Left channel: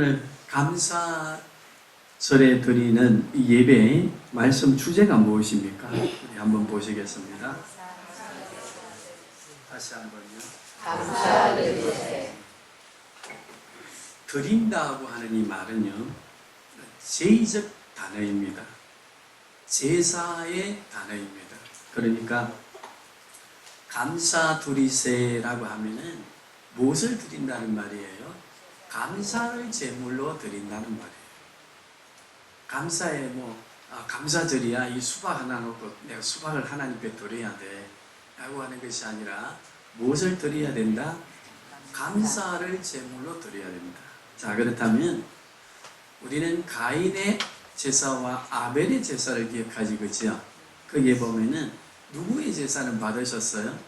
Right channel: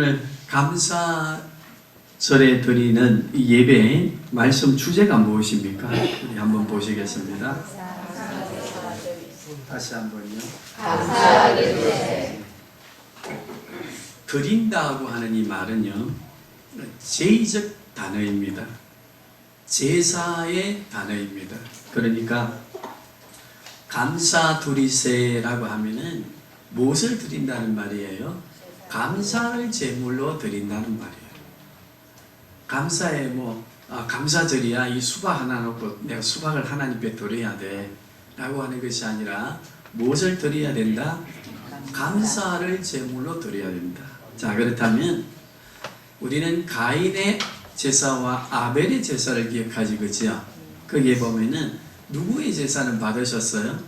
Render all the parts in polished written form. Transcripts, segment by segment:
오늘 감사절에 드리는 이 예배의 말씀 주제가 무엇입니까? 우리 한번 보시겠습니다. 다시 한번요. 감사드리세. 드린다고 하는 이 말은요, 제의적 단어입니다. 제사의 단어입니다. 그러니까 감사드리세라고 하면은 무엇을 드린다는 말이에요? 감사를 제물로 드린다는 말이에요. 감사에 감사절이야 이 수박 하나 놓고 내가 수박을 하나님께 드려야 돼 라고 하는 것이 아니라 무엇을 드려야 된다? 감사를 제물로 드려야 된다. 자, 그렇다면 우리는 가인의 제사와 아벨의 제사를 기억하지, 그죠? 거기에 보면은 누구의 제사는 받으셨어요?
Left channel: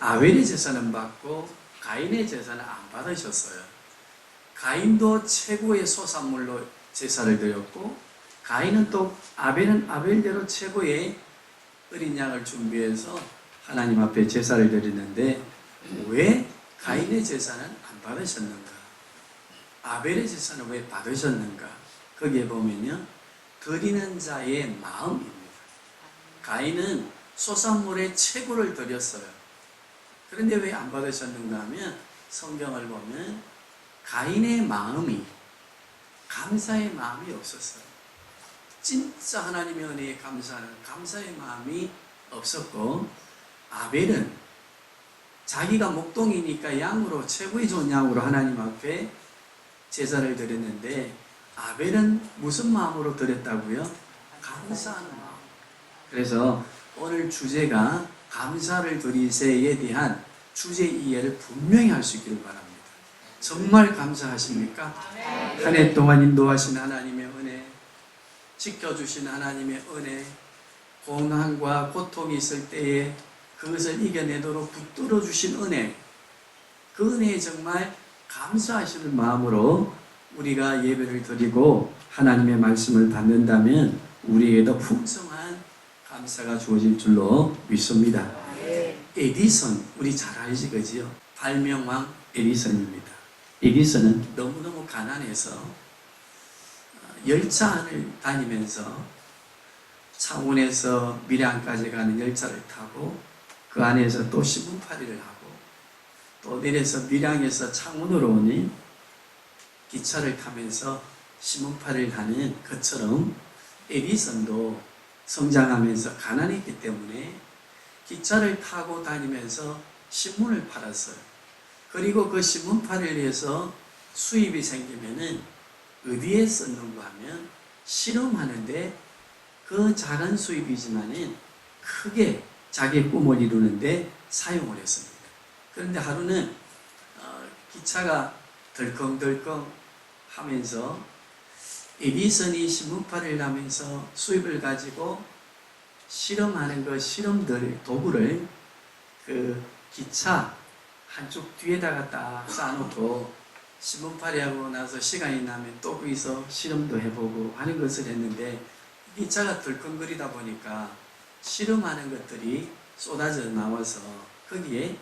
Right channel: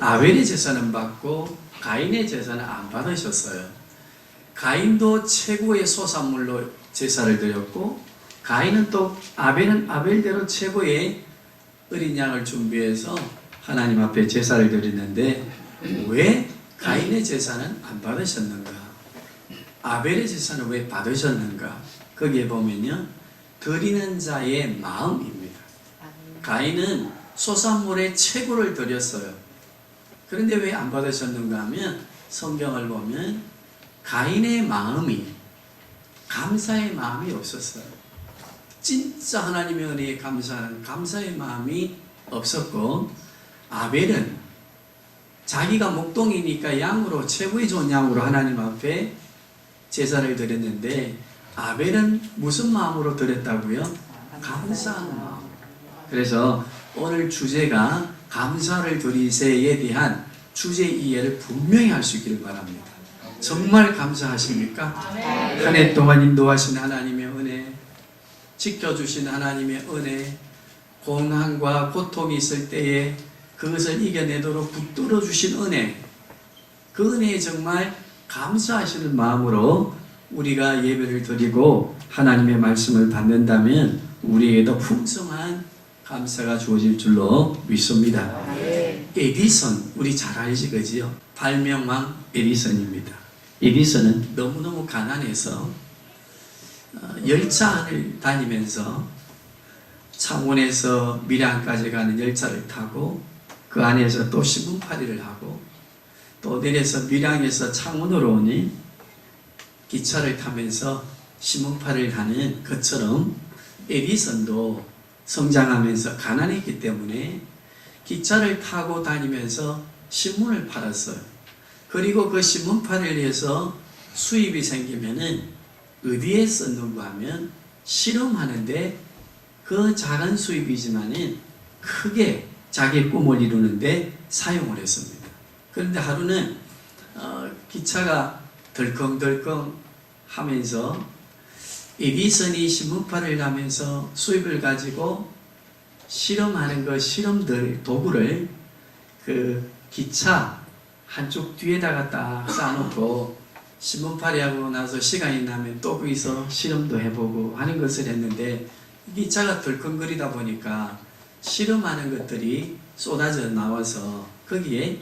아벨의 제사는 받고 가인의 제사는 안 받으셨어요. 가인도 최고의 소산물로 제사를 드렸고, 가인은 또 아벨은 아벨대로 최고의 어린 양을 준비해서 하나님 앞에 제사를 드리는데, 왜 가인의 제사는 안 받으셨는가? 아벨의 제사는 왜 받으셨는가? 거기에 보면요, 드리는 자의 마음입니다. 가인은 소산물의 최고를 드렸어요. 그런데 왜 안 받으셨는가 하면, 성경을 보면 가인의 마음이, 감사의 마음이 없었어요. 진짜 하나님의 은혜에 감사하는 감사의 마음이 없었고, 아벨은 자기가 목동이니까 양으로, 최고의 좋은 양으로 하나님 앞에 제사를 드렸는데, 아벨은 무슨 마음으로 드렸다고요? 감사한 마음. 그래서 오늘 주제가 감사를 드리세에 대한 주제 이해를 분명히 할 수 있기를 바랍니다. 정말 감사하십니까? 한 해 동안 인도하신 하나님의 은혜, 지켜주신 하나님의 은혜, 고난과 고통이 있을 때에 그것을 이겨내도록 붙들어 주신 은혜, 그 은혜에 정말 감사하시는 마음으로 우리가 예배를 드리고 하나님의 말씀을 받는다면 우리에게도 풍성한 감사가 주어질 줄로 믿습니다. 에디슨, 우리 잘 알지, 그지요? 발명왕 에디슨입니다. 에디슨은 너무너무 가난해서 열차 안을 다니면서 창원에서 밀양까지 가는 열차를 타고 그 안에서 또 신문팔이를 하고 또 내려서 밀양에서 창원으로 오니 기차를 타면서 신문팔이를 하는 것처럼 에디슨도 성장하면서 가난했기 때문에 기차를 타고 다니면서 신문을 팔았어요. 그리고 그 신문팔이를 해서 수입이 생기면은 어디에 썼는가 하면 실험하는데 그 작은 수입이지만은 크게 자기의 꿈을 이루는데 사용을 했습니다. 그런데 하루는 기차가 덜컹덜컹 하면서 에디슨이 신문팔이를 하면서 수입을 가지고 실험하는 그 실험들 도구를 그 기차 한쪽 뒤에다가 딱 쌓아놓고 신문팔이 하고 나서 시간이 나면 또 거기서 실험도 해보고 하는 것을 했는데 기차가 덜컹거리다 보니까 실험하는 것들이 쏟아져 나와서 거기에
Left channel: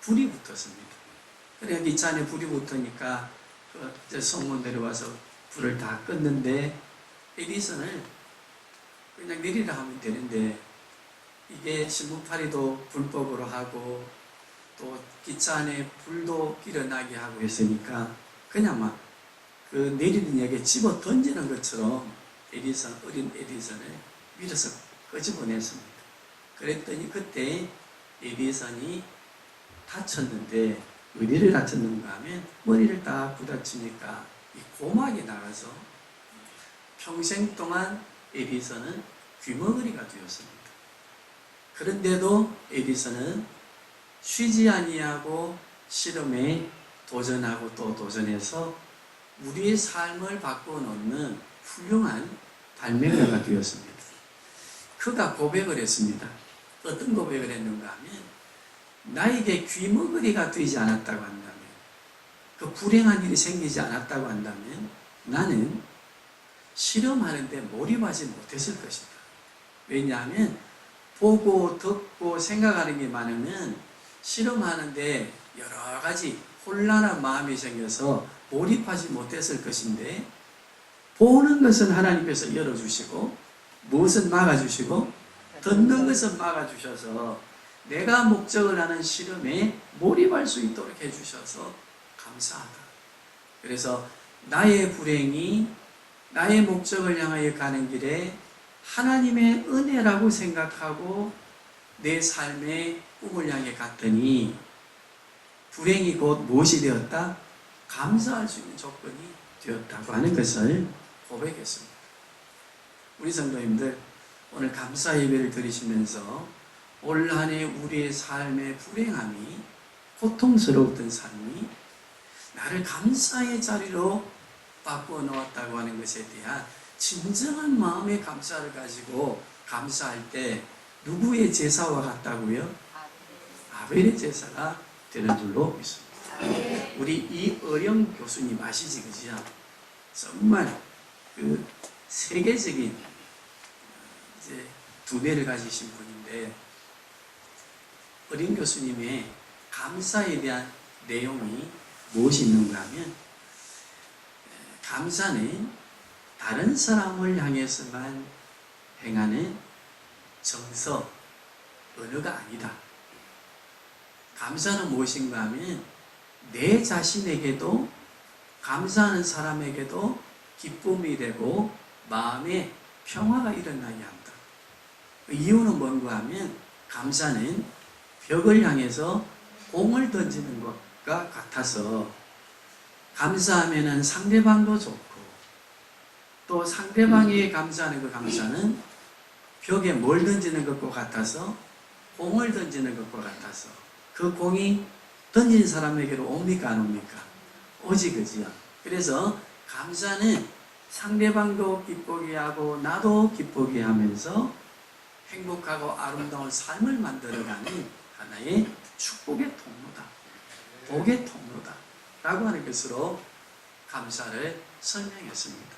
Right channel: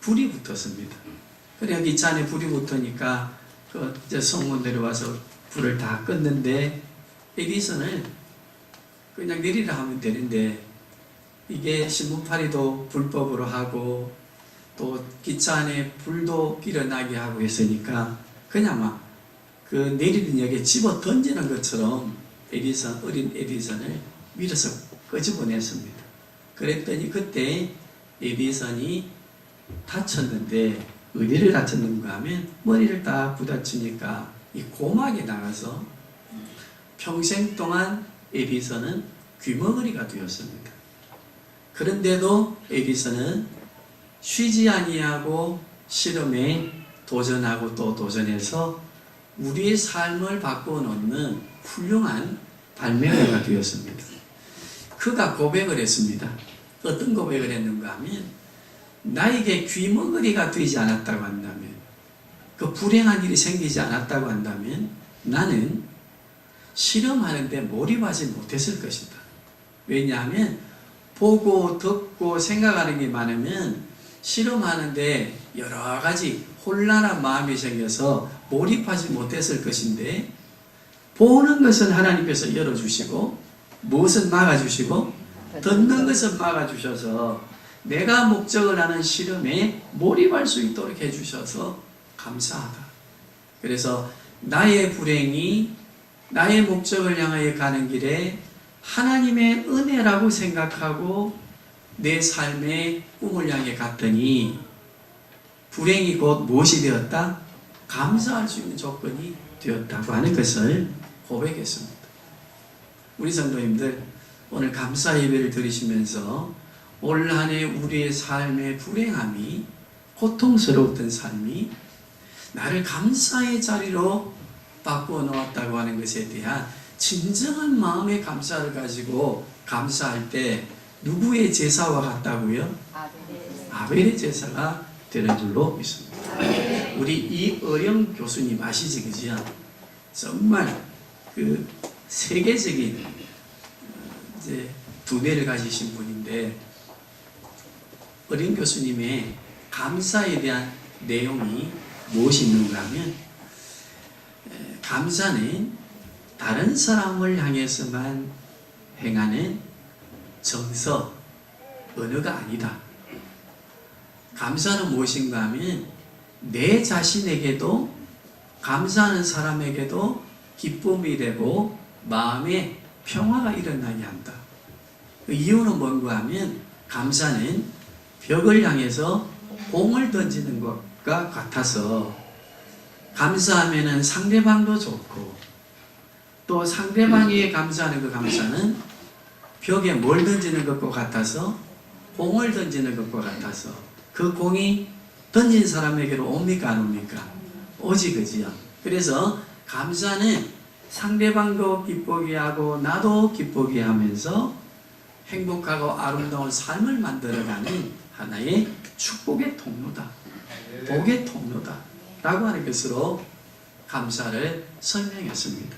불이 붙었습니다. 그래 기차 안에 불이 붙으니까 그 성문 내려와서 불을 다 껐는데 에디슨을 그냥 내리라 하면 되는데 이게 신문팔이도 불법으로 하고 또 기차 안에 불도 일어나게 하고 했으니까 그냥 막 그 내리는 역에 집어 던지는 것처럼 어린 에디슨을 밀어서 끄집어냈습니다. 그랬더니 그때 에디슨이 다쳤는데 어디를 다쳤는가 하면 머리를 딱 부딪히니까 이 고막에 나가서 평생 동안 에디슨은 귀머거리가 되었습니다. 그런데도 에디슨은 쉬지 아니하고 실험에 도전하고 또 도전해서 우리의 삶을 바꿔놓는 훌륭한 발명가가 되었습니다. 그가 고백을 했습니다. 어떤 고백을 했는가 하면 나에게 귀머거리가 되지 않았다고 한다면, 그 불행한 일이 생기지 않았다고 한다면 나는 실험하는데 몰입하지 못했을 것이다. 왜냐하면 보고 듣고 생각하는 게 많으면 실험하는데 여러 가지 혼란한 마음이 생겨서 몰입하지 못했을 것인데, 보는 것은 하나님께서 열어주시고 무엇은 막아주시고 듣는 것은 막아주셔서 내가 목적을 하는 실험에 몰입할 수 있도록 해주셔서 감사하다. 그래서 나의 불행이 나의 목적을 향하여 가는 길에 하나님의 은혜라고 생각하고 내 삶의 꿈을 향해 갔더니 불행이 곧 무엇이 되었다? 감사할 수 있는 조건이 되었다고 하는 것을 고백했습니다. 우리 성도님들, 오늘 감사 예배를 드리시면서 올 한 해 우리의 삶의 불행함이, 고통스러웠던 삶이 나를 감사의 자리로 바꾸어 놓았다고 하는 것에 대한 진정한 마음의 감사를 가지고 감사할 때 누구의 제사와 같다고요? 아벨의 제사가 되는 줄로 믿습니다. 우리 이어령 교수님 아시지, 그지요? 정말 그 세계적인 이제 두뇌를 가지신 분인데, 어린 교수님의 감사에 대한 내용이 무엇이 있는가 하면, 감사는 다른 사람을 향해서만 행하는 정서, 언어가 아니다. 감사는 무엇인가 하면 내 자신에게도, 감사하는 사람에게도 기쁨이 되고 마음에 평화가 일어나게 한다. 그 이유는 뭔가 하면 감사는 벽을 향해서 공을 던지는 것과 같아서, 감사하면은 상대방도 좋고, 또 상대방이 감사하는 그 감사는 벽에 뭘 던지는 것과 같아서, 공을 던지는 것과 같아서 그 공이 던진 사람에게로 옵니까 안 옵니까? 오지, 그지요? 그래서 감사는 상대방도 기쁘게 하고 나도 기쁘게 하면서 행복하고 아름다운 삶을 만들어가는 하나의 축복의 통로다, 복의 통로다 라고 하는 것으로 감사를 설명했습니다.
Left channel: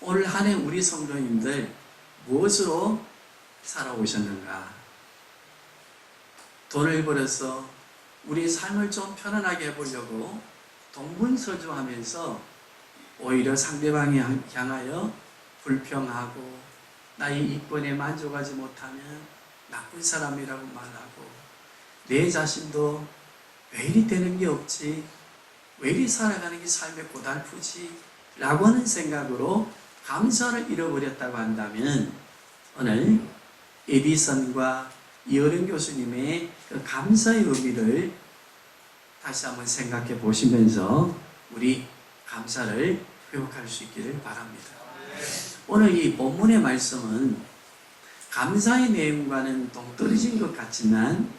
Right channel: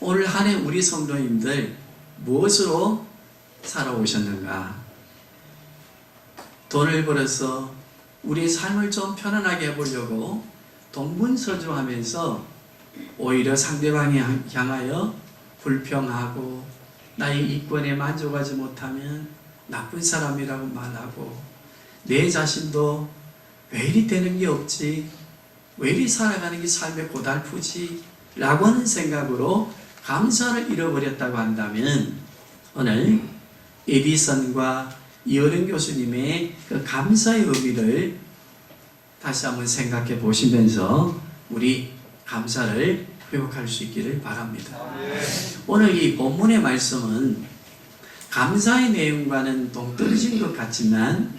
올 한 해 우리 성도님들 무엇으로 살아오셨는가? 돈을 벌어서 우리 삶을 좀 편안하게 해보려고 동분서주하면서 오히려 상대방에 향하여 불평하고 나의 이권에 만족하지 못하면 나쁜 사람이라고 말하고, 내 자신도 왜 이리 되는 게 없지, 왜 이리 살아가는 게 삶에 고달프지 라고 하는 생각으로 감사를 잃어버렸다고 한다면, 오늘 에디슨과 이어령 교수님의 그 감사의 의미를 다시 한번 생각해 보시면서 우리 감사를 회복할 수 있기를 바랍니다. 오늘 이 본문의 말씀은 감사의 내용과는 동떨어진 것 같지만,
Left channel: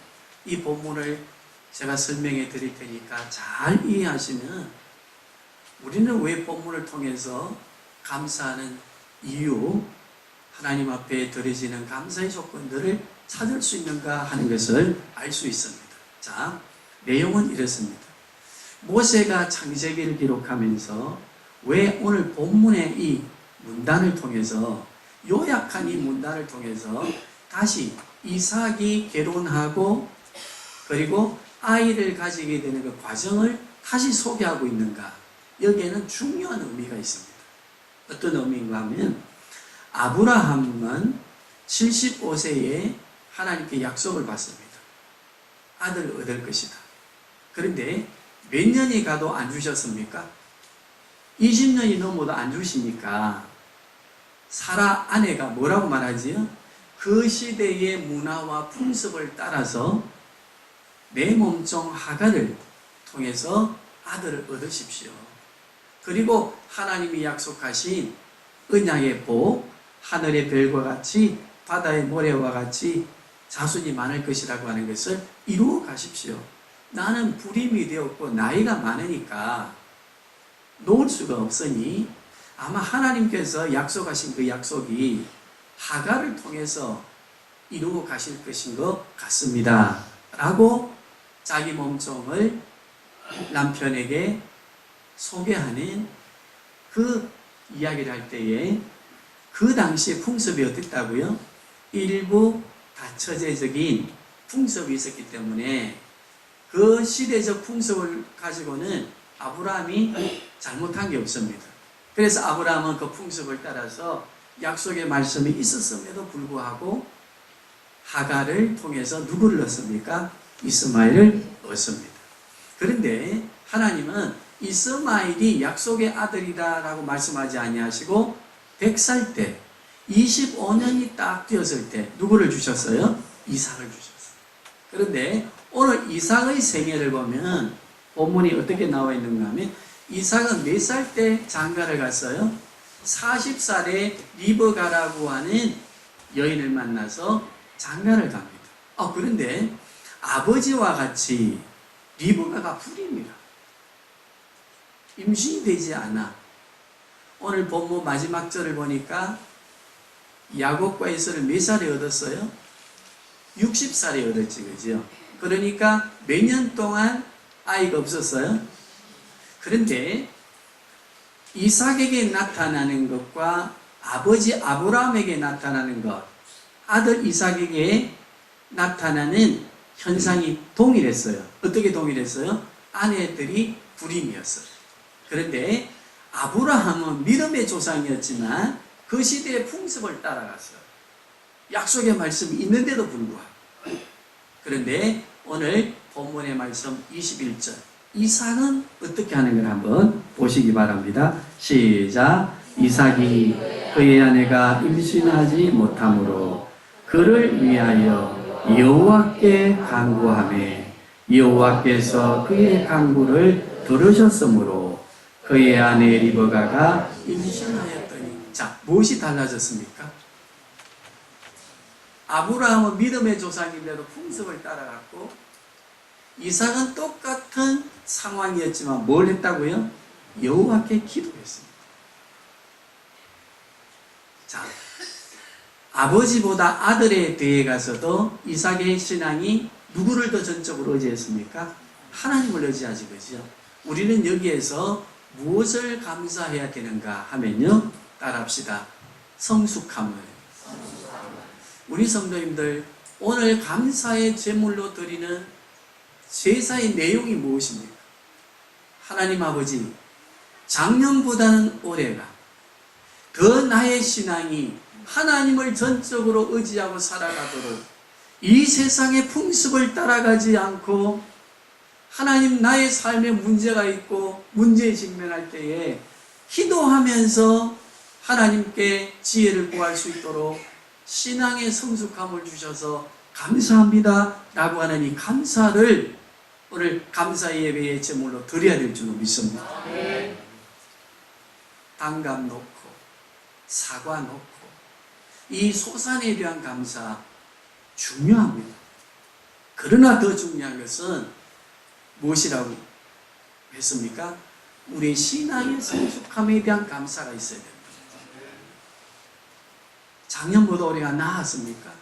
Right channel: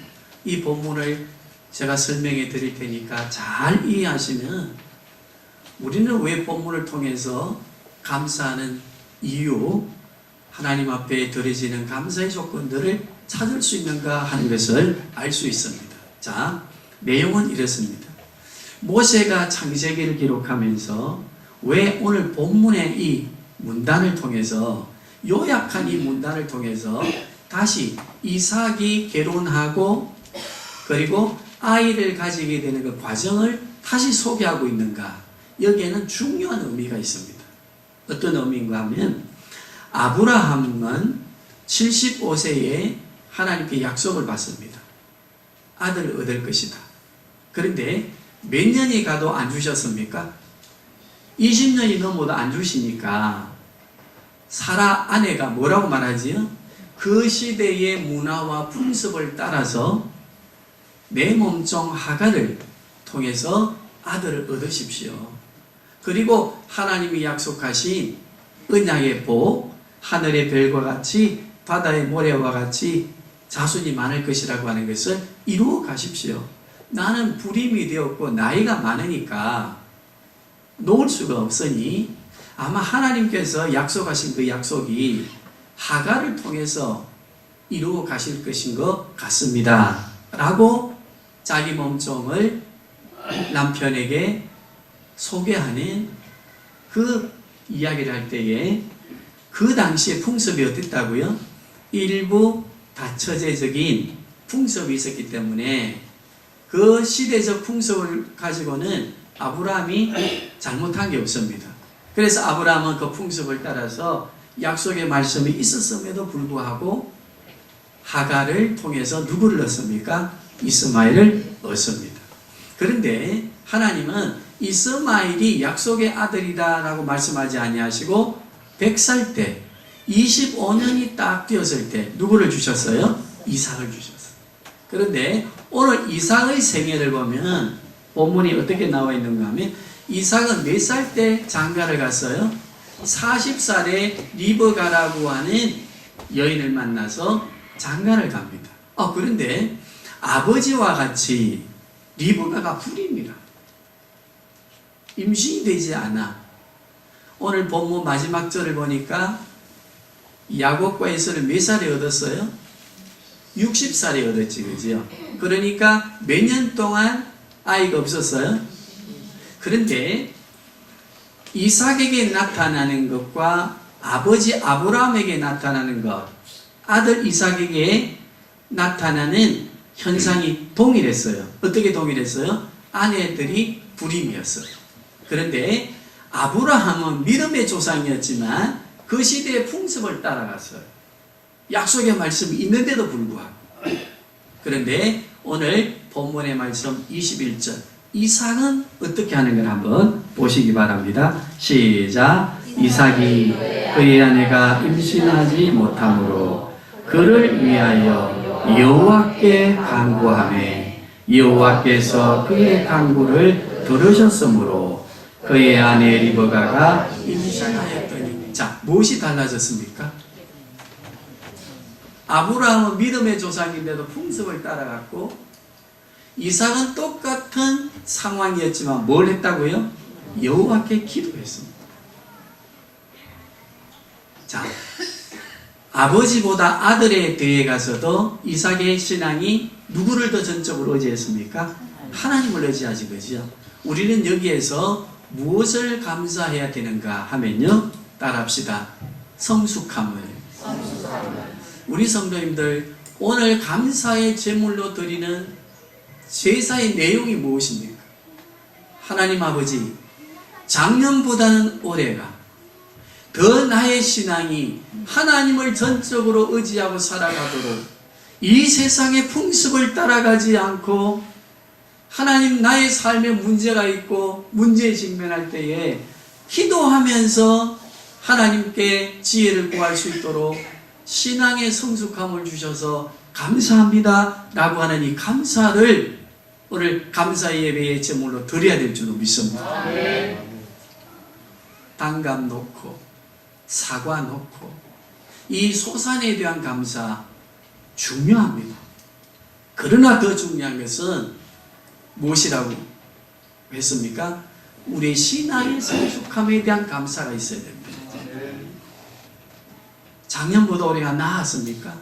이 본문을 제가 설명해 드릴 테니까 잘 이해하시면 우리는 왜 본문을 통해서 감사하는 이유, 하나님 앞에 드려지는 감사의 조건들을 찾을 수 있는가 하는 것을 알 수 있습니다. 자, 내용은 이렇습니다. 모세가 창세기를 기록하면서 왜 오늘 본문의 이 문단을 통해서, 요약한 이 문단을 통해서 다시 이삭이 결혼하고 그리고 아이를 가지게 되는 그 과정을 다시 소개하고 있는가? 여기에는 중요한 의미가 있습니다. 어떤 의미인가 하면, 아브라함은 75세에 하나님께 약속을 받습니다. 아들을 얻을 것이다. 그런데 몇 년이 가도 안 주셨습니까? 20년이 넘어도 안 주시니까 사라 아내가 뭐라고 말하지요? 그 시대의 문화와 풍습을 따라서 내 몸종 하갈을 통해서 아들을 얻으십시오. 그리고 하나님이 약속하신 언약의 복, 하늘의 별과 같이 바다의 모래와 같이 자손이 많을 것이라고 하는 것을 이루어 가십시오. 나는 불임이 되었고 나이가 많으니까 놓을 수가 없으니 아마 하나님께서 약속하신 그 약속이 하갈을 통해서 이루어 가실 것인 것 같습니다 라고 자기 몸종을 남편에게 소개하는 그 이야기를 할 때에, 그 당시에 풍습이 어땠다고요? 일부 다처제적인 풍습이 있었기 때문에 그 시대적 풍습을 가지고는 아브라함이 잘못한 게 없습니다. 그래서 아브라함은 그 풍습을 따라서 약속의 말씀이 있었음에도 불구하고 하갈을 통해서 누구를 얻습니까? 이스마엘을 얻습니다. 그런데 하나님은 이스마엘이 약속의 아들이다라고 말씀하지 아니하시고 100살 때 25년이 딱 되었을 때 누구를 주셨어요? 이삭을 주셨어요. 그런데 오늘 이삭의 생애를 보면 본문이 어떻게 나와 있는가 하면 이삭은 몇 살 때 장가를 갔어요? 40살에 리브가라고 하는 여인을 만나서 장가를 갑니다. 그런데 아버지와 같이 리브가가 불임이라. 임신이 되지 않아. 오늘 본문 마지막 절을 보니까 야곱과 에서를 몇 살에 얻었어요? 60살에 얻었지, 그죠? 그러니까 몇 년 동안 아이가 없었어요? 그런데 이삭에게 나타나는 것과 아버지 아브라함에게 나타나는 것, 아들 이삭에게 나타나는 현상이 동일했어요. 어떻게 동일했어요? 아내들이 불임이었어요. 그런데 아브라함은 믿음의 조상이었지만 그 시대의 풍습을 따라갔어요. 약속의 말씀이 있는데도 불구하고. 그런데 오늘 본문의 말씀 21절 이삭은 어떻게 하는 걸 한번 보시기 바랍니다. 시작. 이삭이 그의 아내가 임신하지 못하므로 그를 위하여 여호와께 간구하며 여호와께서 그의 간구를 들으셨으므로 그의 아내 리브가가 임신하였더니. 자, 무엇이 달라졌습니까? 아브라함은 믿음의 조상인데도 풍습을 따라갔고 이삭은 똑같은 상황이었지만 뭘 했다고요? 여호와께 기도했습니다. 자, 아버지보다 아들에 대해 가서도 이삭의 신앙이 누구를 더 전적으로 의지했습니까? 하나님을 의지하지, 그죠? 우리는 여기에서 무엇을 감사해야 되는가 하면요, 따라합시다. 성숙함을. 우리 성도님들, 오늘 감사의 제물로 드리는 제사의 내용이 무엇입니까? 하나님 아버지, 작년보다는 올해가 더 나의 신앙이 하나님을 전적으로 의지하고 살아가도록 이 세상의 풍습을 따라가지 않고 하나님 나의 삶에 문제가 있고 문제에 직면할 때에 기도하면서 하나님께 지혜를 구할 수 있도록 신앙의 성숙함을 주셔서 감사합니다 라고 하는 이 감사를 오늘 감사의 예배의 제물로 드려야 될 줄로 믿습니다. 단감 놓고 사과 놓고 이 소산에 대한 감사 중요합니다. 그러나 더 중요한 것은 무엇이라고 했습니까? 우리의 신앙의 성숙함에 대한 감사가 있어야 됩니다. 작년보다 올해가 나았습니까?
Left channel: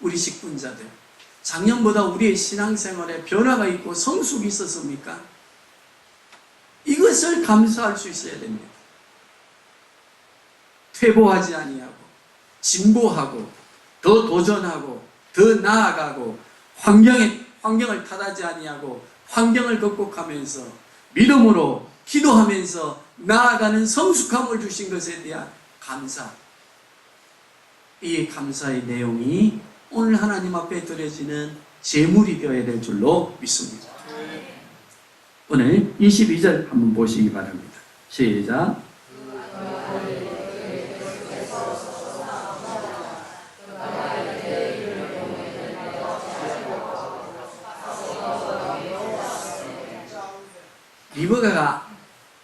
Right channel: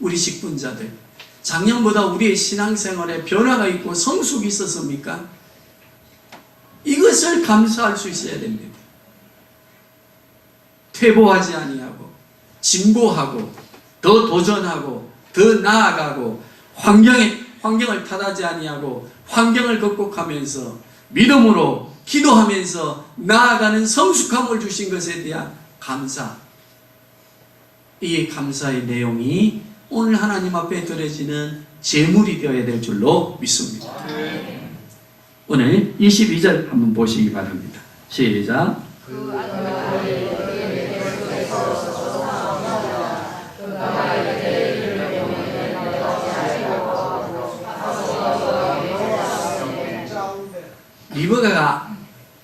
우리 직분자들, 작년보다 우리의 신앙생활에 변화가 있고 성숙이 있었습니까? 이것을 감사할 수 있어야 됩니다. 퇴보하지 아니하고 진보하고 더 도전하고 더 나아가고 환경을 탓하지 아니하고 환경을 극복하면서 믿음으로 기도하면서 나아가는 성숙함을 주신 것에 대한 감사. 이 감사의 내용이 오늘 하나님 앞에 드려지는 제물이 되어야 될 줄로 믿습니다. 오늘 22절 한번 보시기 바랍니다. 시작. 리브가가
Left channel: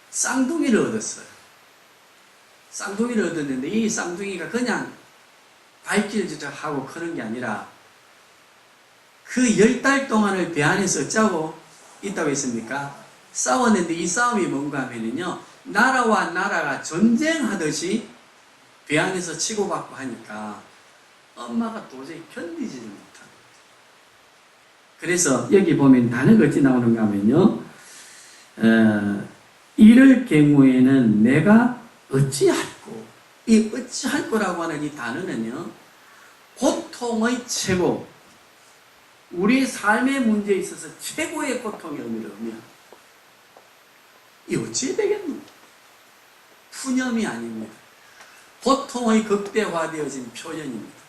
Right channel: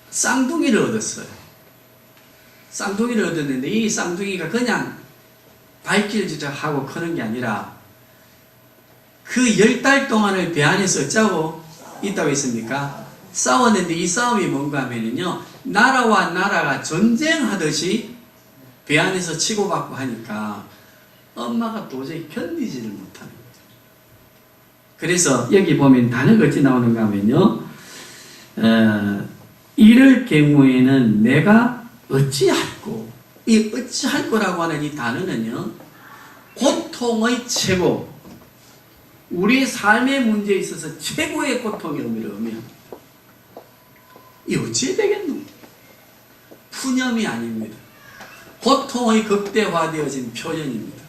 쌍둥이를 얻었어요. 쌍둥이를 얻었는데 이 쌍둥이가 그냥 발길질하고 크는 게 아니라 그 10달 동안을 배 안에서 짜고 있다고 했습니까? 싸웠는데 이 싸움이 뭔가 하면요, 나라와 나라가 전쟁하듯이 배 안에서 치고받고 하니까 엄마가 도저히 견디지를 못합니다. 그래서 여기 보면 단어가 어찌 나오는가 하면요, 이럴 경우에는 내가 어찌할꼬, 이 어찌할 거라고 하는 이 단어는요, 고통의 최고, 우리 삶의 문제에 있어서 최고의 고통의 의미를 하면 이 어찌 되겠노? 푸념이 아닙니다. 고통의 극대화되어진 표현입니다.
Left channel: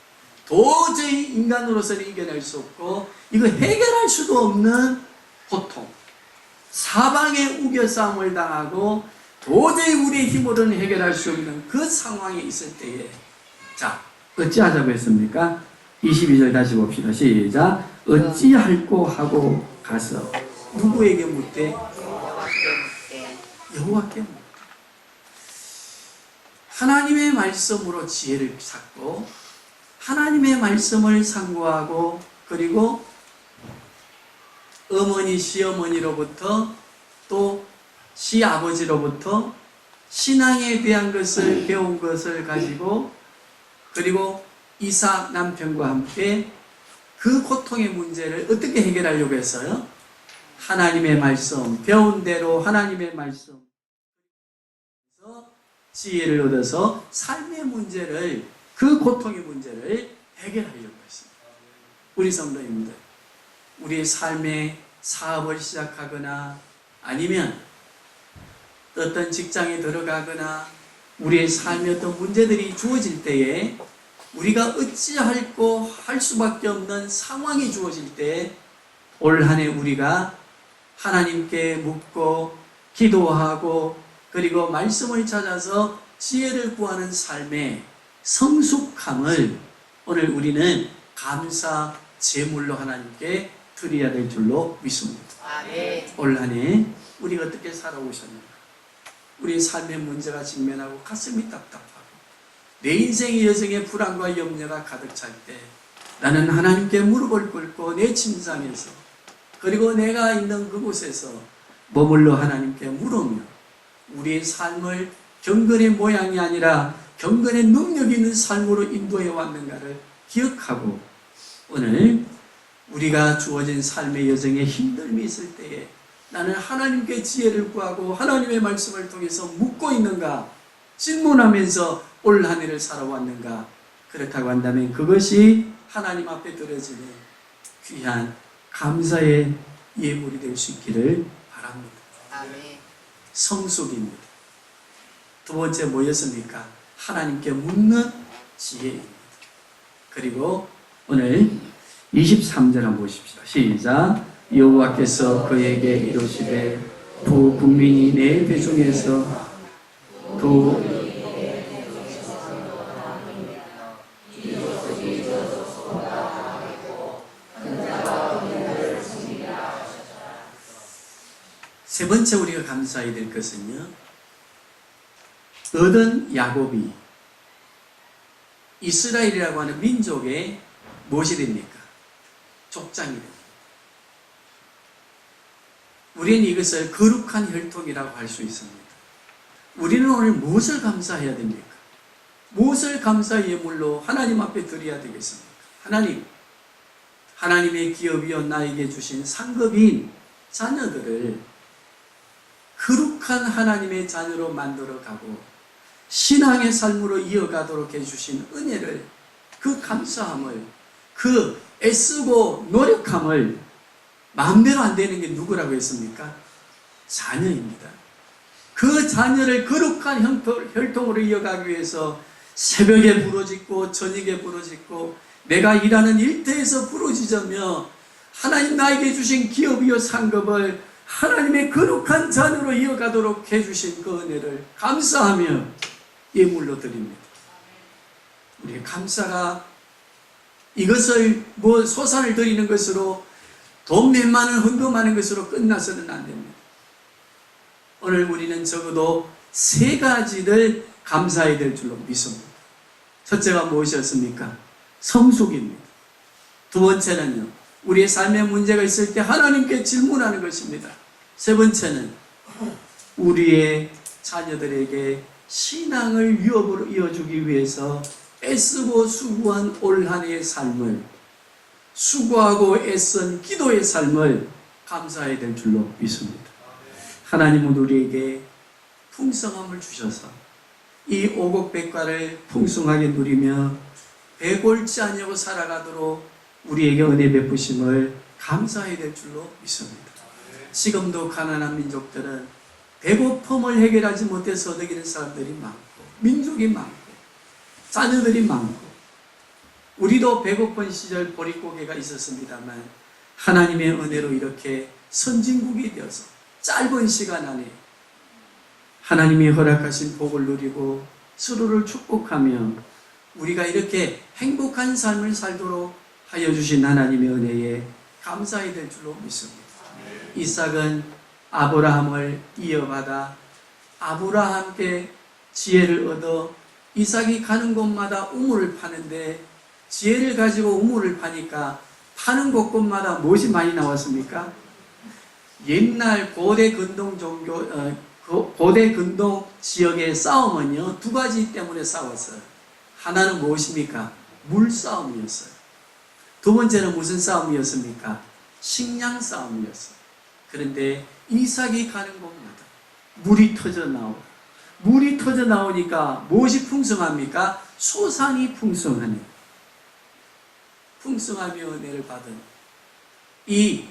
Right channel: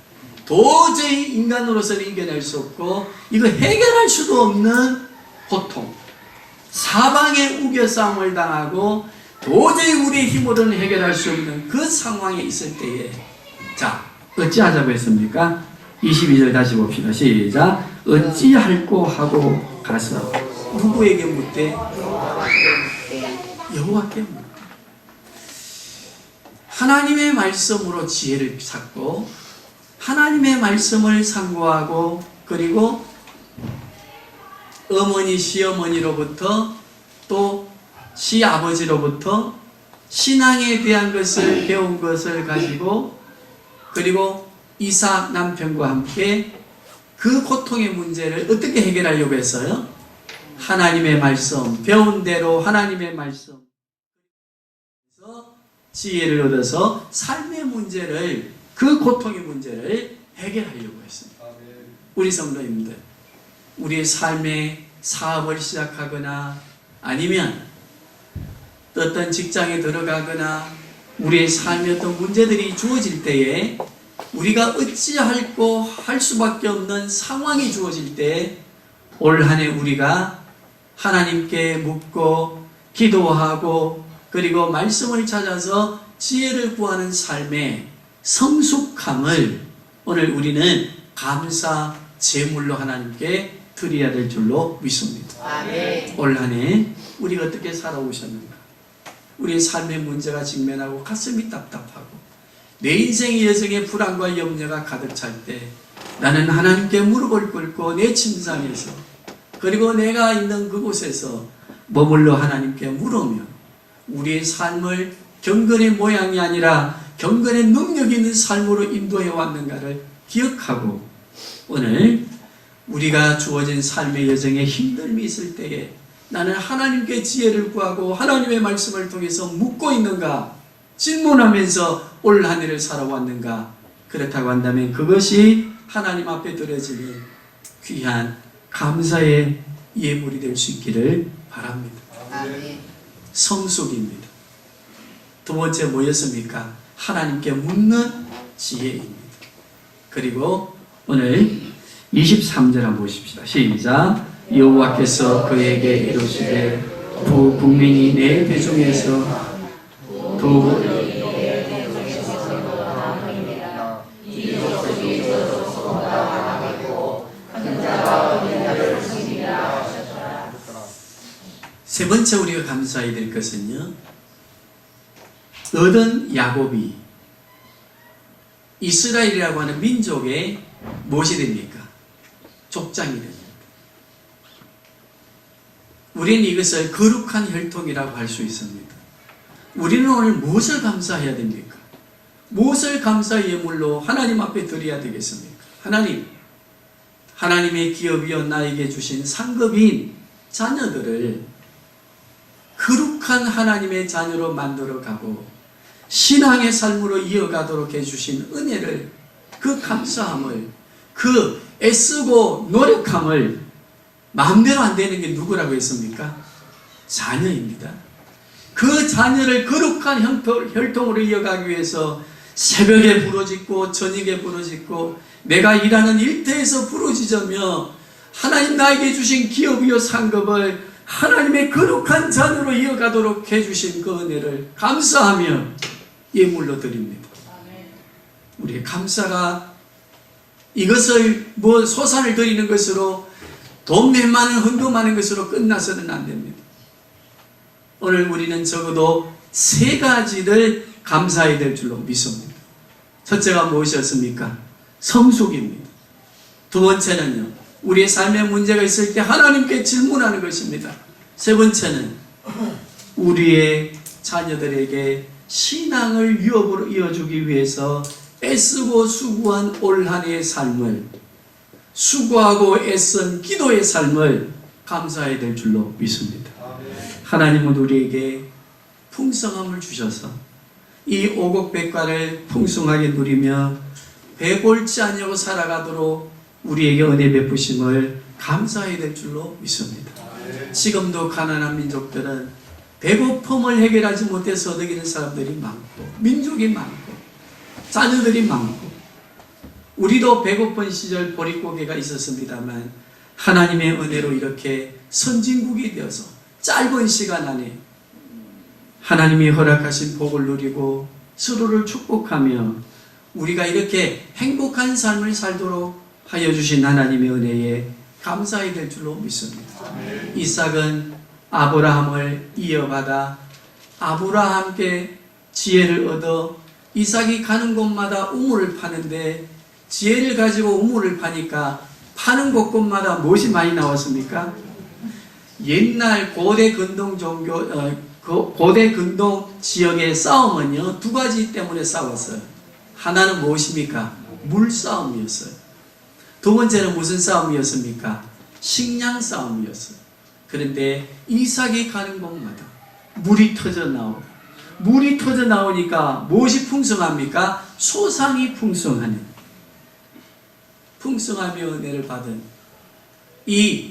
도저히 인간으로서는 이겨낼 수 없고 이거 해결할 수도 없는 고통, 사방에 우겨싸움을 당하고 도저히 우리의 힘으로는 해결할 수 없는 그 상황에 있을 때에 자, 어찌하자고 했습니까? 22절 다시 봅시다. 시작. 어찌할꼬 하고 가서 누구에게 묻되? 여호와께 묻되. 하나님의 말씀으로 지혜를 찾고 하나님의 말씀을 상고하고 그리고 어머니 시어머니로부터 또 시아버지로부터 신앙에 대한 것을 배운 것을 가지고 그리고 이삭 남편과 함께 그 고통의 문제를 어떻게 해결하려고 했어요? 하나님의 말씀, 배운 대로 하나님의 말씀 지혜를 얻어서 삶의 문제를 그 고통의 문제를 해결하려고 했습니다. 우리 성도님들, 우리의 삶의 사업을 시작하거나 아니면 어떤 직장에 들어가거나 우리의 삶에 어떤 문제들이 주어질 때에 우리가 어찌할꼬 할 수밖에 없는 상황이 주어질 때 올 한 해 우리가 하나님께 묻고 기도하고 그리고 말씀을 찾아서 지혜를 구하는 삶의 성숙함을 오늘 우리는 감사 제물로 하나님께 드려야 될 줄로 믿습니다. 아멘. 올 한 해 우리가 어떻게 살아오셨는가? 우리의 삶의 문제가 직면하고 가슴이 답답하고 내 인생의 여정에 불안과 염려가 가득 찰 때 나는 하나님께 무릎을 꿇고 내 침상에서 그리고 내가 있는 그곳에서 머물러 하나님께 물으며 우리의 삶을 경건의 모양이 아니라 경건의 능력 있는 삶으로 인도해 왔는가를 기억하고 오늘 우리가 주어진 삶의 여정에 힘듦이 있을 때에 나는 하나님께 지혜를 구하고 하나님의 말씀을 통해서 묻고 있는가 질문하면서 올 한 해를 살아왔는가 그렇다고 한다면 그것이 하나님 앞에 드려지는 귀한 감사의 예물이 될 수 있기를 바랍니다. 아멘. 성숙입니다. 두 번째 뭐였습니까? 하나님께 묻는 지혜입니다. 그리고 오늘 23절 한번 보십시다. 시작. 여호와께서 그에게 이르시되 두 국민이 내 대중에서 두 세 번째 우리가 감사해야 될 것은요. 얻은 야곱이 이스라엘이라고 하는 민족의 무엇이 됩니까? 족장이 됩니다. 우리는 이것을 거룩한 혈통이라고 할 수 있습니다. 우리는 오늘 무엇을 감사해야 됩니까? 무엇을 감사 예물로 하나님 앞에 드려야 되겠습니까? 하나님, 하나님의 기업이여 나에게 주신 상급인 자녀들을 거룩한 하나님의 자녀로 만들어가고 신앙의 삶으로 이어가도록 해주신 은혜를 그 감사함을 그 애쓰고 노력함을 마음대로 안 되는 게 누구라고 했습니까? 자녀입니다. 그 자녀를 거룩한 혈통으로 이어가기 위해서 새벽에 부르짖고 저녁에 부르짖고 내가 일하는 일터에서 부르짖으며 하나님 나에게 주신 기업이요 상급을 하나님의 거룩한 자녀로 이어가도록 해주신 그 은혜를 감사하며 예물로 드립니다. 우리의 감사가 이것을 소산을 드리는 것으로 돈 몇만원 헌금하는 것으로 끝나서는 안 됩니다. 오늘 우리는 적어도 세 가지를 감사해야 될 줄로 믿습니다. 첫째가 무엇이었습니까? 성숙입니다. 두 번째는요, 우리의 삶에 문제가 있을 때 하나님께 질문하는 것입니다. 세 번째는 우리의 자녀들에게 신앙을 유업으로 이어주기 위해서 애쓰고 수고한 올 한 해의 삶을 수고하고 애쓴 기도의 삶을 감사해야 될 줄로 믿습니다. 하나님은 우리에게 풍성함을 주셔서 이 오곡백과를 풍성하게 누리며 배골치 아니하고 살아가도록 우리에게 은혜 베푸심을 감사해야 될 줄로 믿습니다. 지금도 가난한 민족들은 배고픔을 해결하지 못해서 얻어기는 사람들이 많고 민족이 많고 자녀들이 많고 우리도 배고픈 시절 보릿고개가 있었습니다만 하나님의 은혜로 이렇게 선진국이 되어서 짧은 시간 안에 하나님이 허락하신 복을 누리고 서로를 축복하며 우리가 이렇게 행복한 삶을 살도록 하여 주신 하나님의 은혜에 감사해야 될 줄로 믿습니다. 이삭은 아브라함을 이어받아 아브라함께 지혜를 얻어 이삭이 가는 곳마다 우물을 파는데 지혜를 가지고 우물을 파니까 파는 곳곳마다 무엇이 많이 나왔습니까? 옛날 고대 근동 종교 고대 근동 지역의 싸움은요 두 가지 때문에 싸웠어요. 하나는 무엇입니까? 물싸움이었어요. 두 번째는 무슨 싸움이었습니까? 식량 싸움이었어요. 그런데 이삭이 가는 곳마다 물이 터져 나오고 물이 터져 나오니까 무엇이 풍성합니까? 소산이 풍성하네. 풍성하며 은혜를 받은 이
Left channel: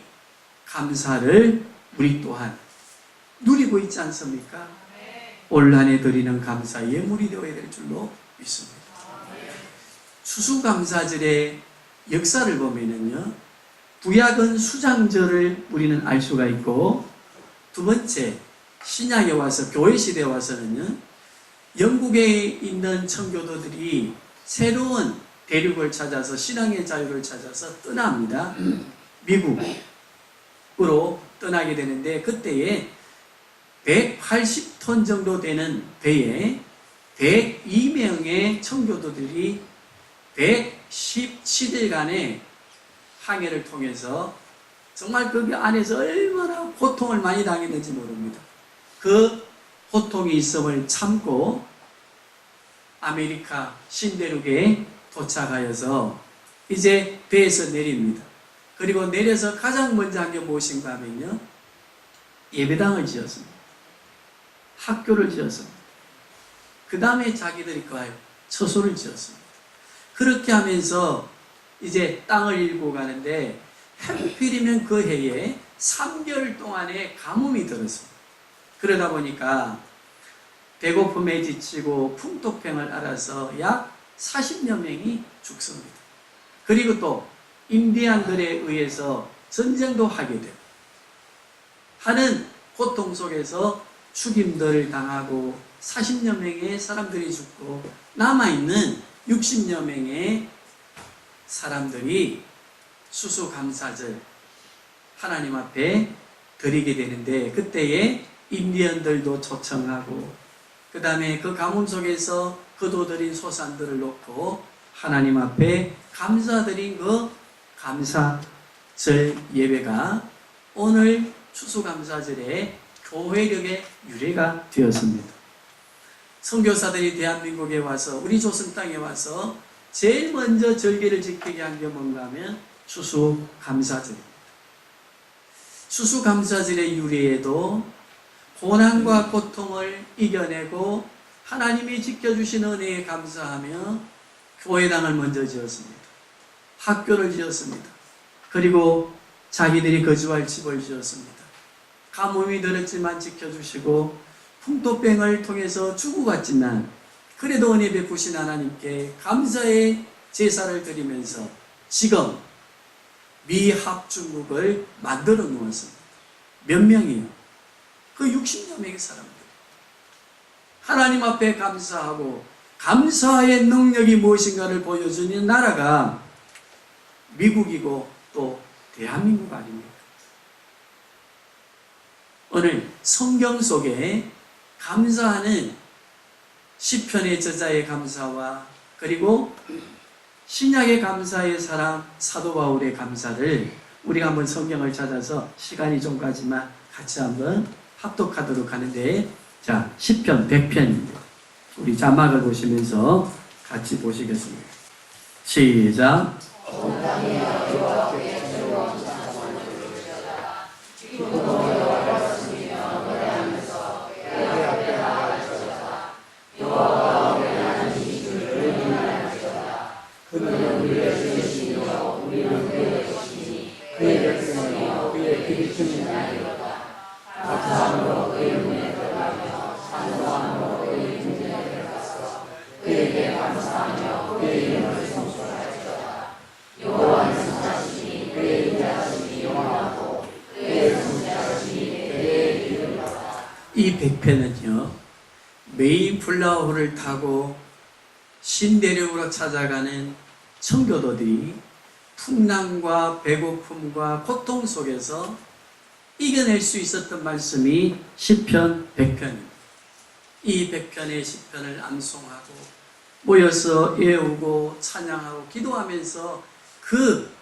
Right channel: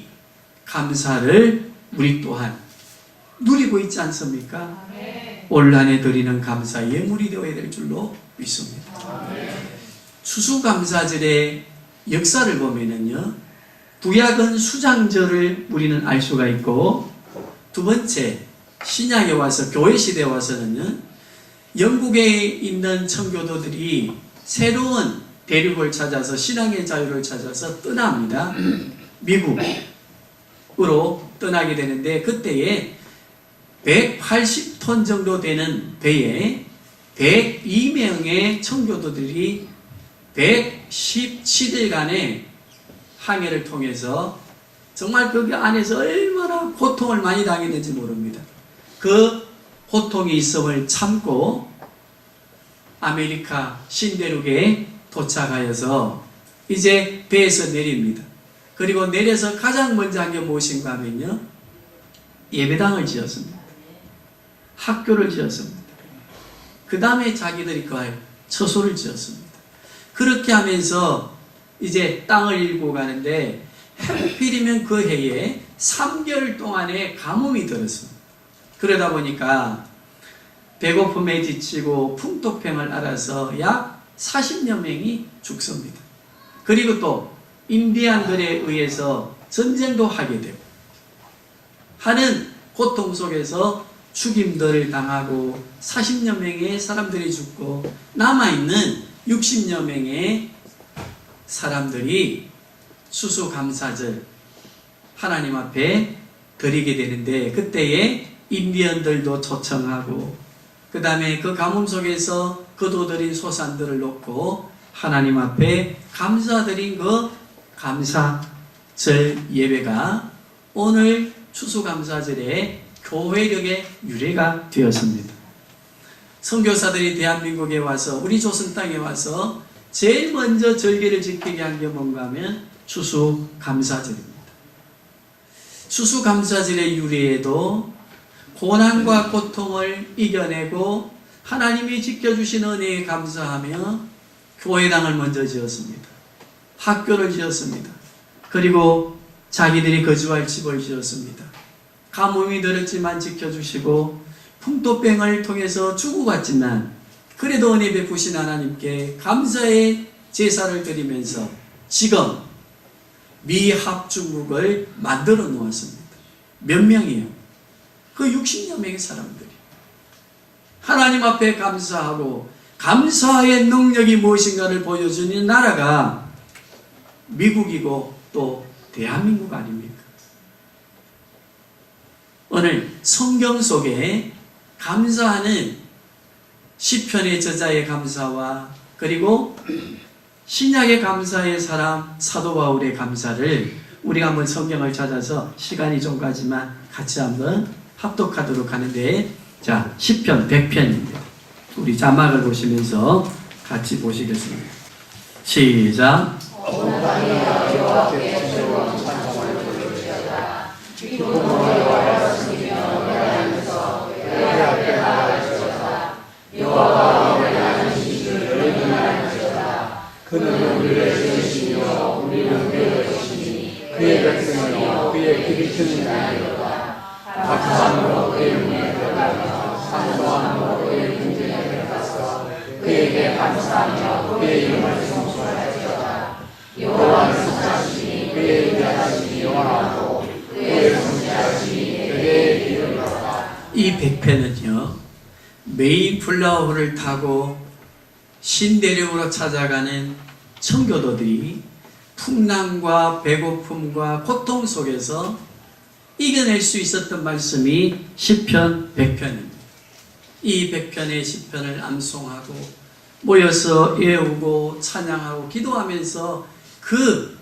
감사를 우리 또한 누리고 있지 않습니까? 올 한 해 드리는 감사 예물이 되어야 될 줄로 믿습니다. 추수감사절의 역사를 보면은요, 구약은 수장절을 우리는 알 수가 있고, 두 번째 신약에 와서 교회 시대에 와서는요, 영국에 있는 청교도들이 새로운 대륙을 찾아서 신앙의 자유를 찾아서 떠납니다. 미국으로 떠나게 되는데 그때에 180톤 정도 되는 배에 102명의 청교도들이 117일간의 항해를 통해서 정말 그 안에서 얼마나 고통을 많이 당했는지 모릅니다. 그 고통이 있음을 참고 아메리카 신대륙에 도착하여서 이제 배에서 내립니다. 그리고 내려서 가장 먼저 한 게 무엇인가 하면요, 예배당을 지었습니다. 학교를 지었습니다. 그 다음에 자기들이 거할 처소를 지었습니다. 그렇게 하면서 이제 땅을 잃고 가는데 하필이면 그 해에 3개월 동안의 가뭄이 들었습니다. 그러다 보니까 배고픔에 지치고 풍토병을 앓아서 약 40여 명이 죽습니다. 그리고 또 인디안들에 의해서 전쟁도 하게 되고 하는 고통 속에서 죽임들을 당하고 40여 명의 사람들이 죽고 남아있는 60여 명의 사람들이 수수감사절 하나님 앞에 드리게 되는데 그때에 인디언들도 초청하고 그 다음에 그 가뭄 속에서 거둬들인 소산들을 놓고 하나님 앞에 감사드린 그 감사절 예배가 오늘 추수감사절의 교회력의 유래가 되었습니다. 선교사들이 대한민국에 와서 우리 조선 땅에 와서 제일 먼저 절기를 지키게 한 게 뭔가 하면 추수감사절입니다. 추수감사절의 유래에도 고난과 고통을 이겨내고 하나님이 지켜주신 은혜에 감사하며 교회당을 먼저 지었습니다. 학교를 지었습니다. 그리고 자기들이 거주할 집을 지었습니다. 가뭄이 들었지만 지켜주시고 풍토병을 통해서 죽어갔지만 그래도 은혜 베푸신 하나님께 감사의 제사를 드리면서 지금 미합중국을 만들어 놓았습니다. 몇 명이요? 그 60여 명의 사람들이 하나님 앞에 감사하고 감사의 능력이 무엇인가를 보여주는 나라가 미국이고 또 대한민국 아닙니까? 오늘 성경 속에 감사하는 시편의 저자의 감사와 그리고 신약의 감사의 사람 사도 바울의 감사를 우리가 한번 성경을 찾아서 시간이 좀 가지만 같이 한번 합독하도록 하는데, 자, 시편 100편입니다. 우리 자막을 보시면서 같이 보시겠습니다. 시작. 그는 우리의 주시며 우리는 이 백편은요, 메이플라워를 타고 신대륙으로 찾아가는 청교도들이 풍랑과 배고픔과 고통 속에서 이겨낼 수 있었던 말씀이 시편 100편입니다. 이 100편의 시편을 암송하고 모여서 외우고 찬양하고 기도하면서 그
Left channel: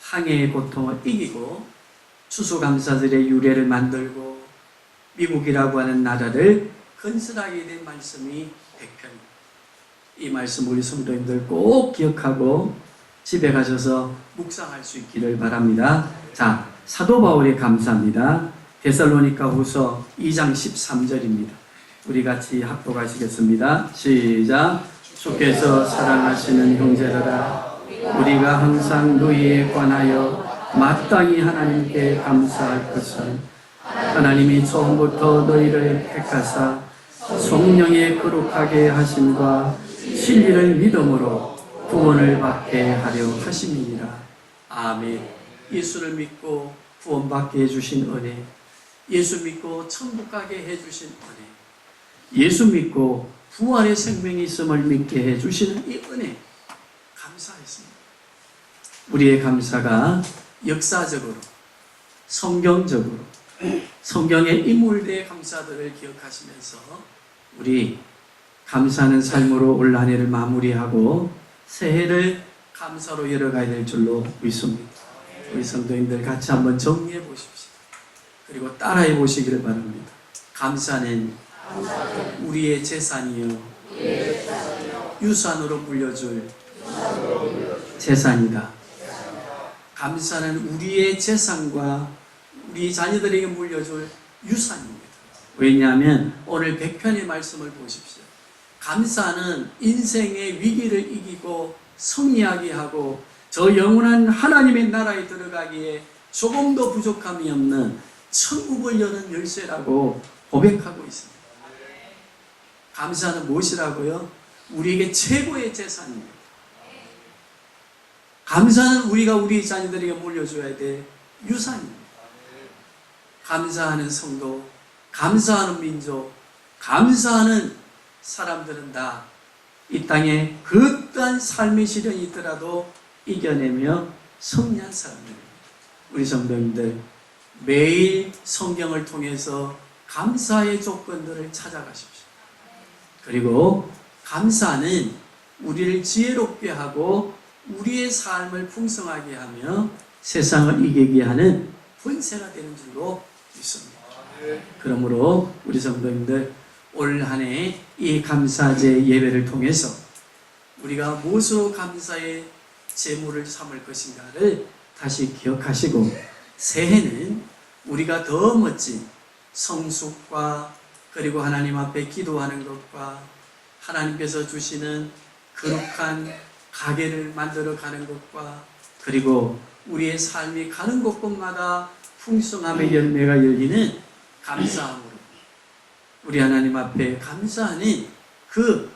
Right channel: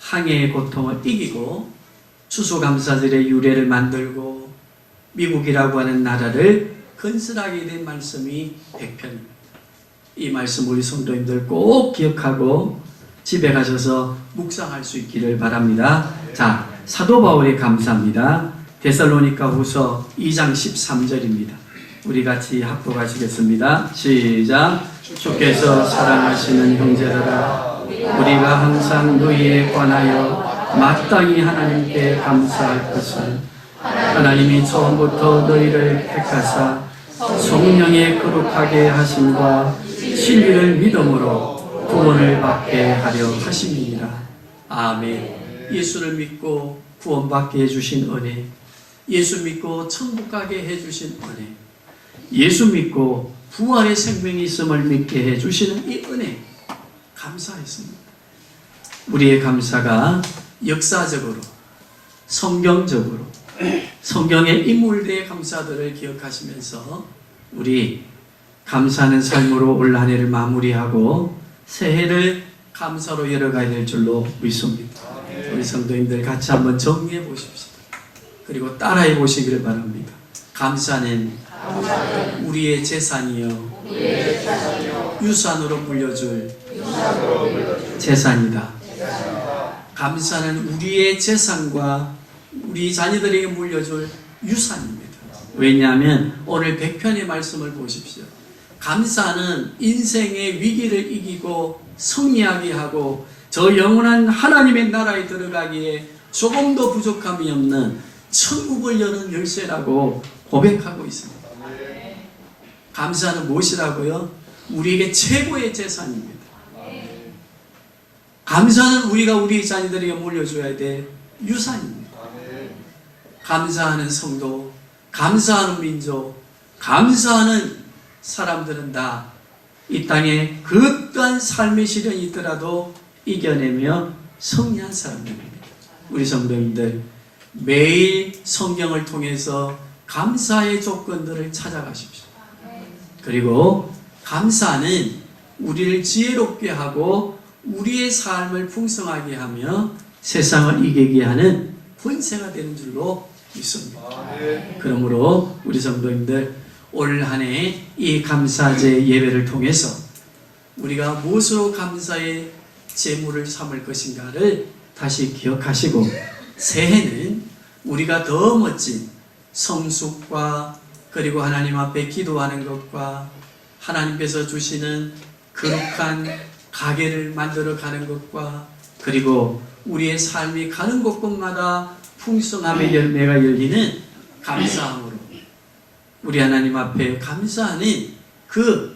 항해의 고통을 이기고 추수감사절의 유래를 만들고 미국이라고 하는 나라를 건설하게 된 말씀이 100편입니다. 이 말씀 우리 성도님들 꼭 기억하고 집에 가셔서 묵상할 수 있기를 바랍니다. 자, 사도 바울의 감사입니다. 데살로니가 후서 2장 13절입니다. 우리 같이 합독하시겠습니다. 시작. 주께서 사랑하시는 형제들아, 우리가 항상 너희에 관하여 마땅히 하나님께 감사할 것은 하나님이 처음부터 너희를 택하사 성령의 거룩하게 하심과 진리를 믿음으로 구원을 받게 하려 하심이니라. 아멘. 예수를 믿고 구원받게 해주신 은혜, 예수 믿고 천국 가게 해주신 은혜, 예수 믿고 부활의 생명이 있음을 믿게 해주시는 이 은혜, 감사했습니다. 우리의 감사가 역사적으로, 성경적으로, 성경의 인물들의 감사들을 기억하시면서 우리 감사하는 삶으로 올 한 해를 마무리하고 새해를 감사로 열어가야 될 줄로 믿습니다. 우리 성도님들 같이 한번 정리해 보십시오. 그리고 따라해 보시기를 바랍니다. 감사는 우리의 재산이요 유산으로 물려줄 재산이다. 감사는 우리의 재산과 우리 자녀들에게 물려줄 유산입니다. 왜냐하면 오늘 100편의 말씀을 보십시오. 감사는 인생의 위기를 이기고 승리하게 하고 저 영원한 하나님의 나라에 들어가기에 조금도 부족함이 없는 천국을 여는 열쇠라고 고백하고 있습니다. 감사는 무엇이라고요? 우리에게 최고의 재산입니다. 감사는 우리가 우리 자녀들에게 물려줘야 될 유산입니다. 감사하는 성도, 감사하는 민족, 감사하는 사람들은 다 이 땅에 그떠한 삶의 시련이 있더라도 이겨내며 승리한 사람들입니다. 우리 성도님들 매일 성경을 통해서 감사의 조건들을 찾아가십시오. 그리고 감사는 우리를 지혜롭게 하고 우리의 삶을 풍성하게 하며 세상을 이기게 하는 본세가 되는 줄로 믿습니다. 그러므로 우리 성도님들 올 한 해 이 감사제 예배를 통해서 우리가 무엇으로 감사의 제물을 삼을 것인가를 다시 기억하시고 새해는 우리가 더 멋진 성숙과 그리고 하나님 앞에 기도하는 것과 하나님께서 주시는 거룩한 가게를 만들어 가는 것과 그리고 우리의 삶이 가는 곳곳마다 풍성함의 열매가 열리는 감사함으로 우리 하나님 앞에 감사하는 그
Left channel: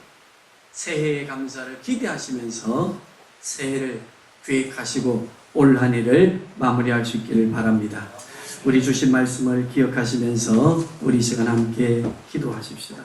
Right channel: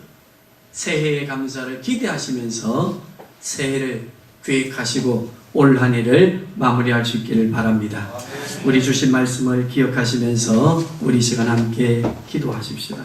새해의 감사를 기대하시면서 새해를 계획하시고 올 한 해를 마무리할 수 있기를 바랍니다. 우리 주신 말씀을 기억하시면서 우리 시간 함께 기도하십시다.